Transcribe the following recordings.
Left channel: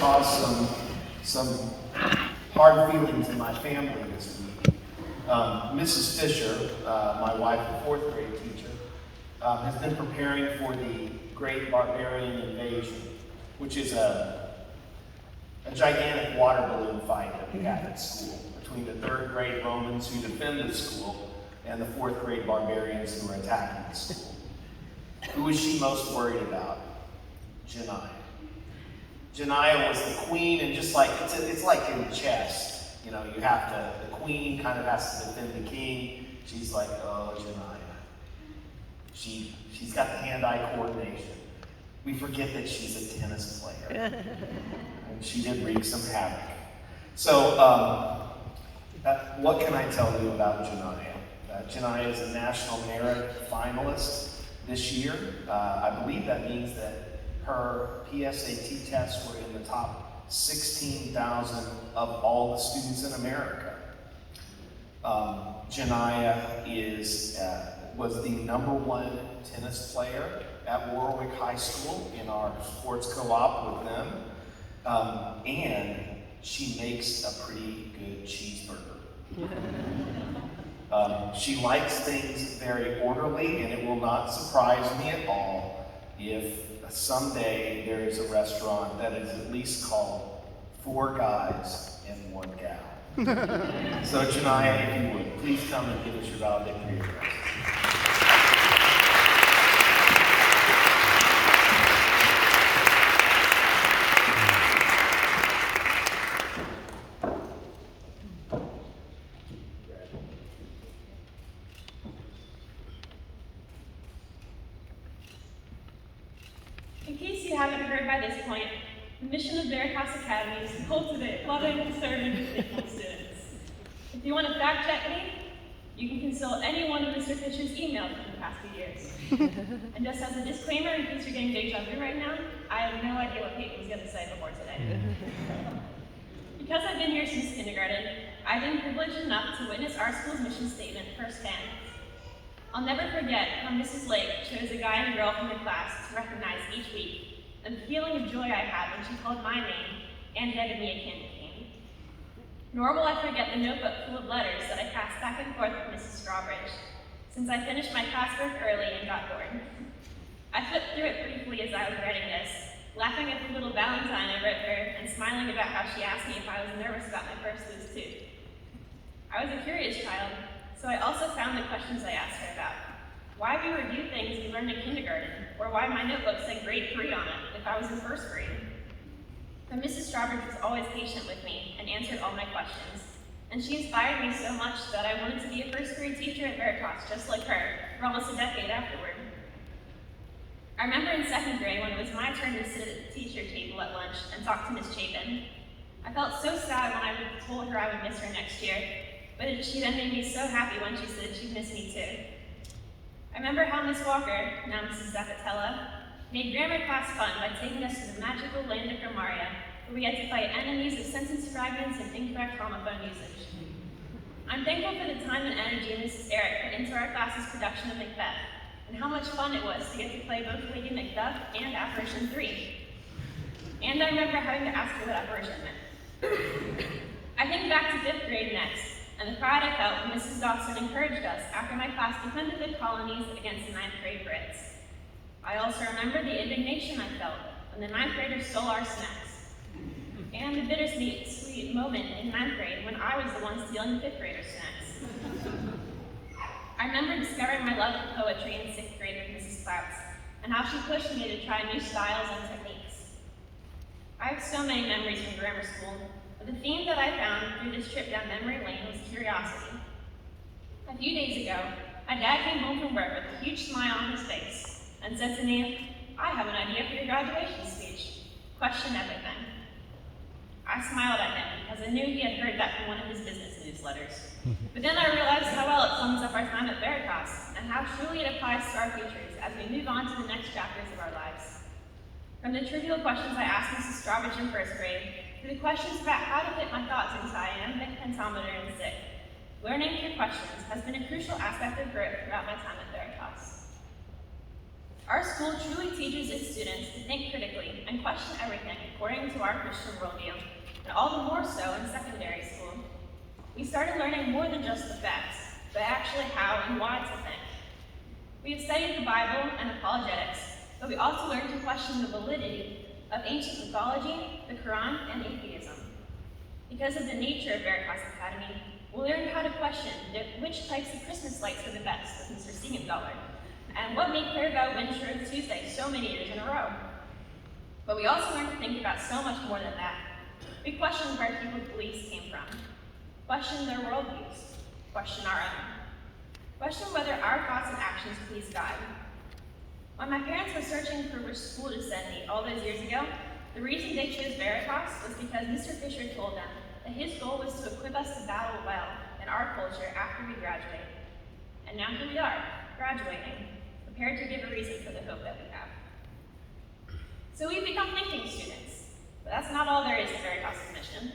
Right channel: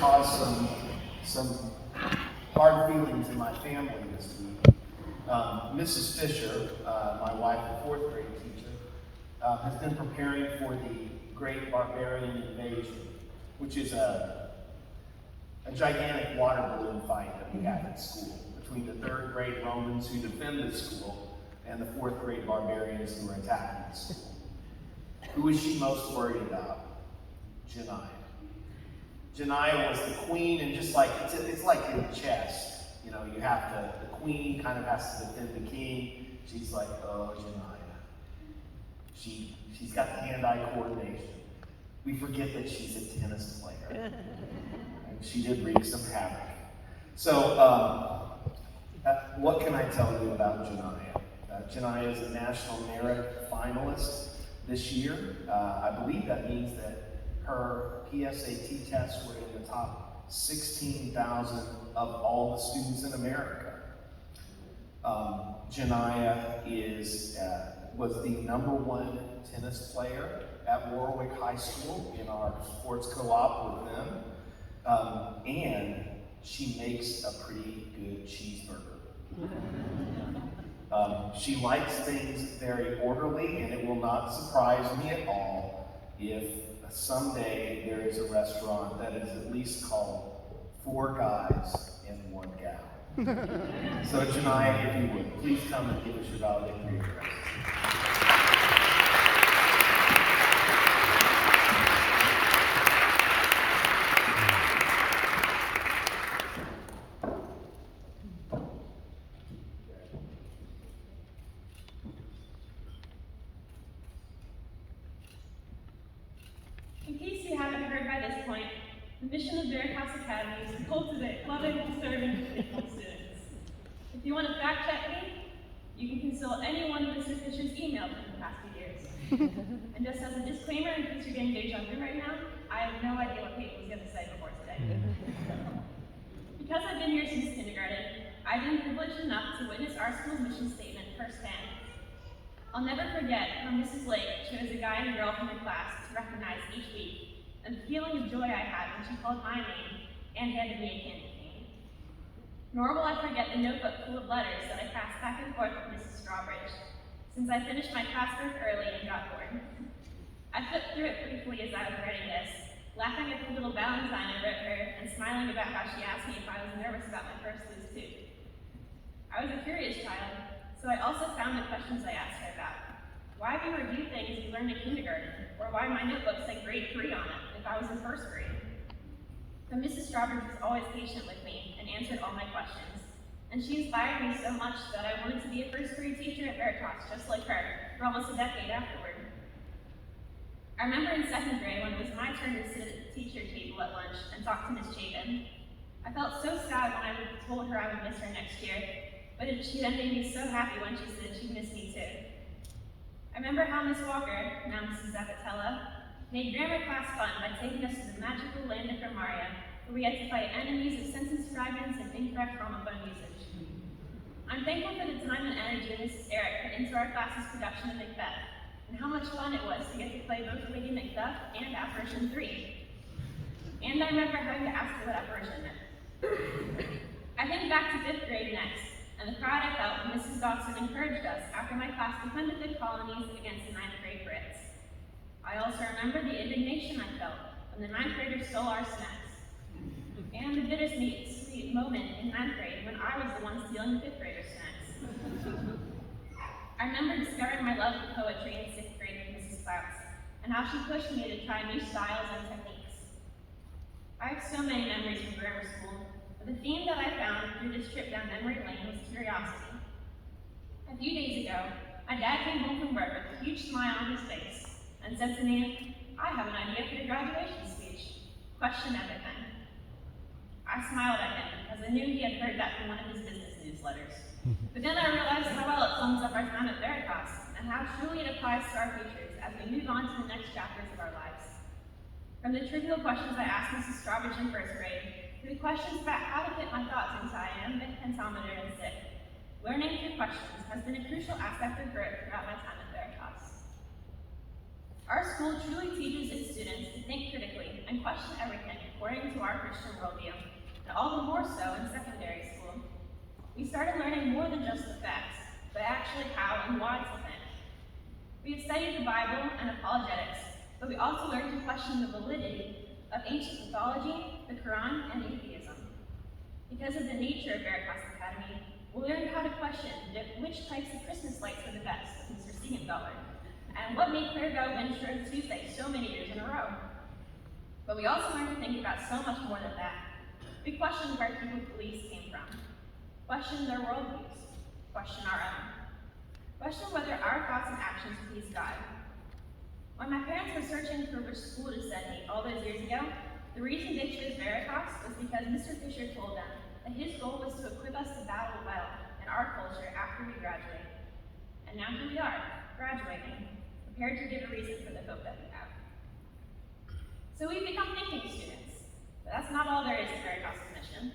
caused some hard feelings in my family this week. Mrs. Fisher, my wife, the fourth grade teacher, has been preparing for the Great Barbarian Invasion, which is a gigantic water balloon fight that we had at school between the third grade Romans who defend the school and the fourth grade barbarians who are attacking the school. Who is she most worried about? Jania. Jania was the queen, and just like it's like in chess, you know, you have to, the queen kind of has to defend the king. She's like, oh, Jania. She's got the hand-eye coordination. We forget that she's a tennis player. And she did wreak some havoc. So, what can I tell you about Jania? Jania is a National Merit finalist this year. I believe that means that her PSAT tests were in the top 16,000 of all the students in America. Jania was the #1 tennis player at Warwick High School in our sports co-op with them. And she makes a pretty good cheeseburger. She likes things very orderly, and it will not surprise me at all if someday there is a restaurant that is at least called 4 Guys and 1 Gal. So Jania, if you would, please come and give us your valedictorian address. In case you haven't heard by this point, the mission of Veritas Academy is to cultivate loving, serving, and faithful students. If you want to fact check me, you can consult any one of Mr. Fisher's emails from the past few years. And just as a disclaimer, in case you're getting deja vu right now, I have no idea what Kate was going to say before today. Because I've been here since kindergarten, I've been privileged enough to witness our school's mission statement firsthand. I'll never forget when Mrs. Lake chose a guy and girl from the class to recognize each week, and the feeling of joy I had when she called my name and handed me a candy cane. Nor will I forget the notebook full of letters that I passed back and forth with Mrs. Strawbridge, since I finished my classwork early and got bored. I flipped through it briefly as I was writing this, laughing at the little valentine I wrote her and smiling about how she asked me if I was nervous about my first loose tooth. I was a curious child, so I also found the questions I asked her about. Why we review things we learned in kindergarten, or why my notebook said grade 3 on it if I was in first grade. But Mrs. Strawbridge was always patient with me and answered all my questions, and she inspired me so much that I wanted to be a first grade teacher at Veritas just like her for almost a decade afterward. I remember in 2nd grade when it was my turn to sit at the teacher table at lunch and talk to Miss Chapin. I felt so sad when I told her I would miss her next year, but she then made me so happy when she said she'd miss me too. I remember how Miss Walker, now Mrs. Zappatella, made grammar class fun by taking us to the magical land of Gramaria, where we had to fight enemies of sentence fragments and incorrect homophone usage. I'm thankful for the time and energy Mrs. Eric put into our class's production of Macbeth, and how much fun it was to get to play both Lady Macduff and Apparition 3. And I remember having to ask her what apparition meant. I think back to 5th grade next, and the pride I felt when Mrs. Dawson encouraged us after my class defended the colonies against the 9th grade Brits. I also remember the indignation I felt when the 9th graders stole our snacks, and the bittersweet moment in 9th grade when I was the one stealing the 5th graders' snacks. I remember discovering my love for poetry in 6th grade with Mrs. Clark's, and how she pushed me to try new styles and techniques. I have so many memories from grammar school, but the theme that I found through this trip down memory lane was curiosity. A few days ago, my dad came home from work with a huge smile on his face and said to me, "I have an idea for your graduation speech. Question everything." I smiled at him because I knew he had heard that from one of his business newsletters. But then I realized how well it sums up our time at Veritas and how truly it applies to our futures as we move on to the next chapters of our lives. From the trivial questions I asked Mrs. Strawbridge in first grade, to the questions about how to fit my thoughts into iambic pentameter and stick, learning through questions has been a crucial aspect of growth throughout my time at Veritas. Our school truly teaches its students to think critically and question everything according to our Christian worldview, and all the more so in secondary school. We started learning more than just the facts, but actually how and why to think. We have studied the Bible and apologetics, but we also learned to question the validity of ancient mythology, the Quran, and atheism. Because of the nature of Veritas Academy, we'll learn how to question which types of Christmas lights are the best with Mr. Siegenthaler, and what made Clairvaux win Shrove Tuesday so many years in a row. But we also learned to think about so much more than that. We questioned where people's beliefs came from, questioned their worldviews, questioned our own, questioned whether our thoughts and actions please God. When my parents were searching for which school to send me all those years ago, the reason they chose Veritas was because Mr. Fisher told them that his goal was to equip us to battle well in our culture after we graduate. And now here we are, graduating, prepared to give a reason for the hope that we have. So we've become thinking students, but that's not all there is to Veritas' mission.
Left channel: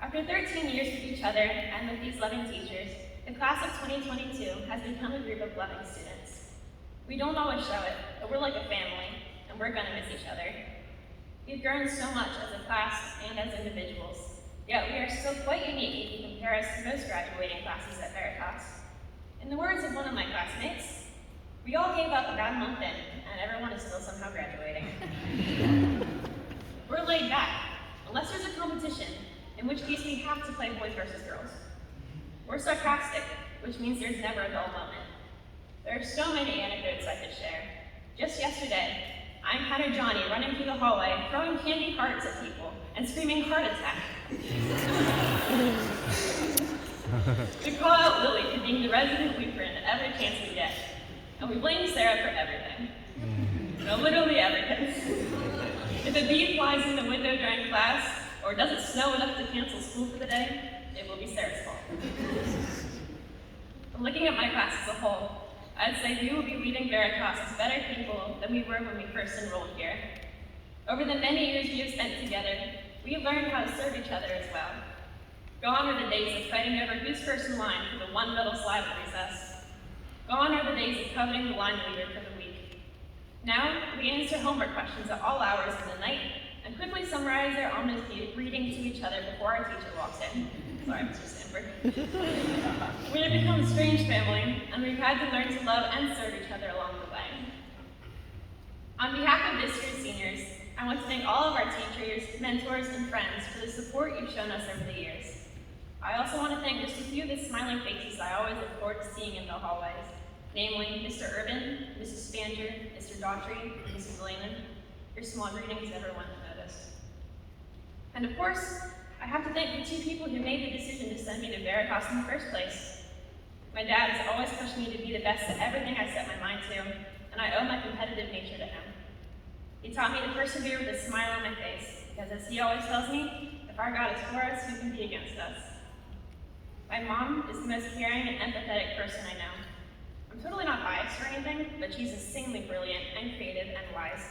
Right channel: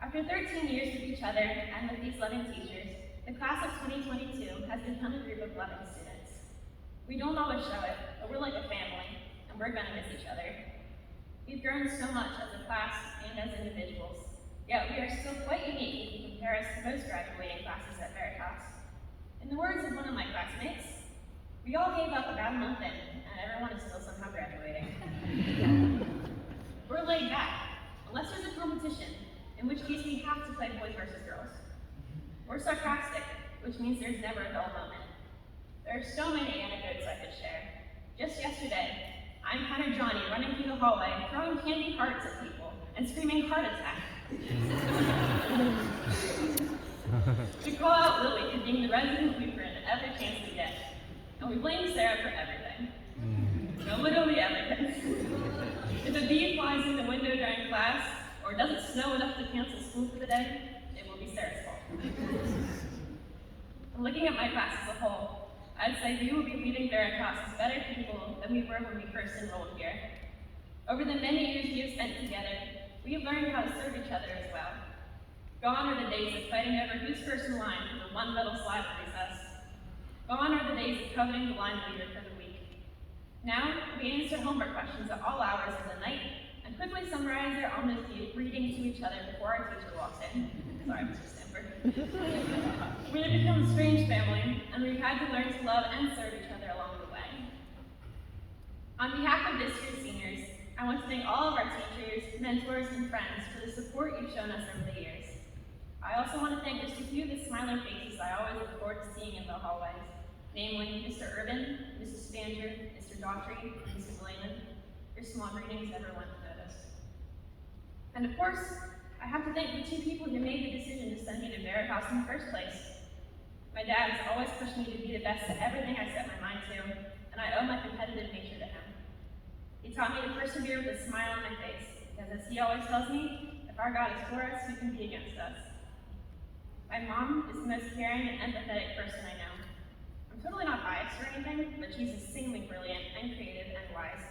After 13 years with each other and with these loving teachers, the class of 2022 has become a group of loving students. We don't always show it, but we're like a family, and we're gonna miss each other. We've grown so much as a class and as individuals, yet we are still quite unique if you compare us to most graduating classes at Veritas. In the words of one of my classmates, we all gave up about a month in, and everyone is still somehow graduating. We're laid back, unless there's a competition, in which case we have to play boys versus girls. We're sarcastic, which means there's never a dull moment. There are so many anecdotes I could share. Just yesterday, I encountered Jania running through the hallway, throwing candy hearts at people, and screaming heart attack. We call out Lily for being the resident weeper in every chance we get, and we blame Sarah for everything. No, literally everything. If a bee flies in the window during class, or it doesn't snow enough to cancel school for the day, it will be Sarah's fault. But looking at my class as a whole, I'd say we will be leaving Veritas as better people than we were when we first enrolled here. Over the many years we have spent together, we have learned how to serve each other as well. Gone are the days of fighting over who's first in line for the one metal slide at recess. Gone are the days of coveting the line leader for the week. Now, we answer homework questions at all hours of the night and quickly summarize our ominous reading to each other before our teacher walks in. Sorry, Mr. Stanford. We have become a strange family, and we've had to learn to love and serve each other along the way. On behalf of this year's seniors, I want to thank all of our teachers, mentors, and friends for the support you've shown us over the years. I also want to thank just a few of the smiling faces I always look forward to seeing in the hallways, namely Mr. Urban, Mrs. Spanger, Mr. Daughtry, and Mrs. Lehman. Your small greetings everyone has noticed. And of course, I have to thank the two people who made the decision to send me to Veritas in the first place. My dad has always pushed me to be the best at everything I set my mind to, and I owe my competitive nature to him. He taught me to persevere with a smile on my face, because as he always tells me, if our God is for us, who can be against us? My mom is the most caring and empathetic person I know. I'm totally not biased or anything, but she's insanely brilliant and creative and wise.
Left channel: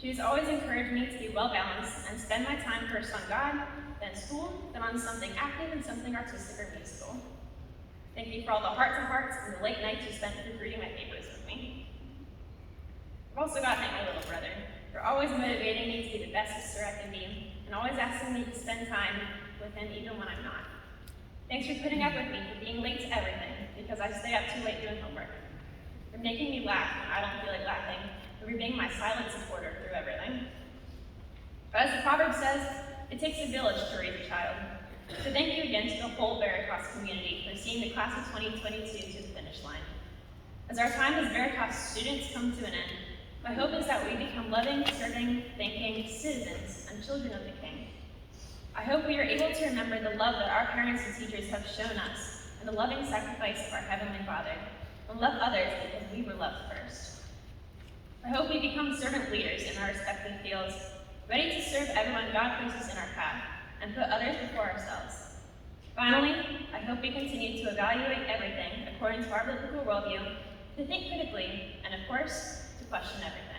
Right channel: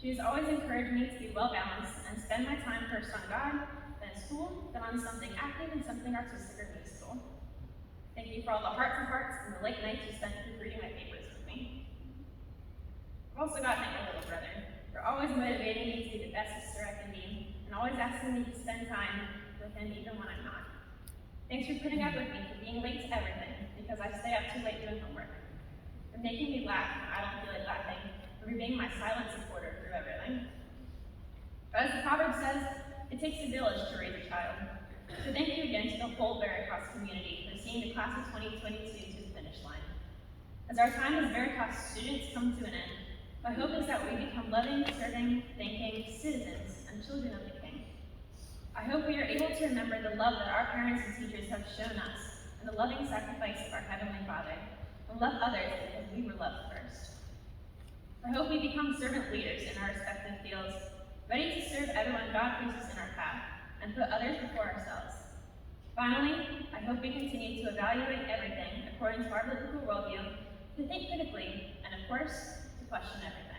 She has always encouraged me to be well-balanced and spend my time first on God, then school, then on something active and something artistic or musical. Thank you for all the hearts and hearts and the late nights you spent reading my papers with me. I've also got to thank my little brother for always motivating me to be the best sister I can be, and always asking me to spend time with him even when I'm not. Thanks for putting up with me for being late to everything, because I stay up too late doing homework. For making me laugh when I don't feel like laughing, and for being my silent supporter through everything. But as the proverb says, it takes a village to raise a child. So thank you again to the whole Veritas community for seeing the class of 2022 to the finish line. As our time as Veritas students come to an end, my hope is that we become loving, serving, thinking citizens and children of the King. I hope we are able to remember the love that our parents and teachers have shown us and the loving sacrifice of our Heavenly Father, and love others because we were loved first. I hope we become servant leaders in our respective fields, ready to serve everyone God places in our path, and put others before ourselves. Finally, I hope we continue to evaluate everything according to our biblical worldview, to think critically, and of course, to question everything.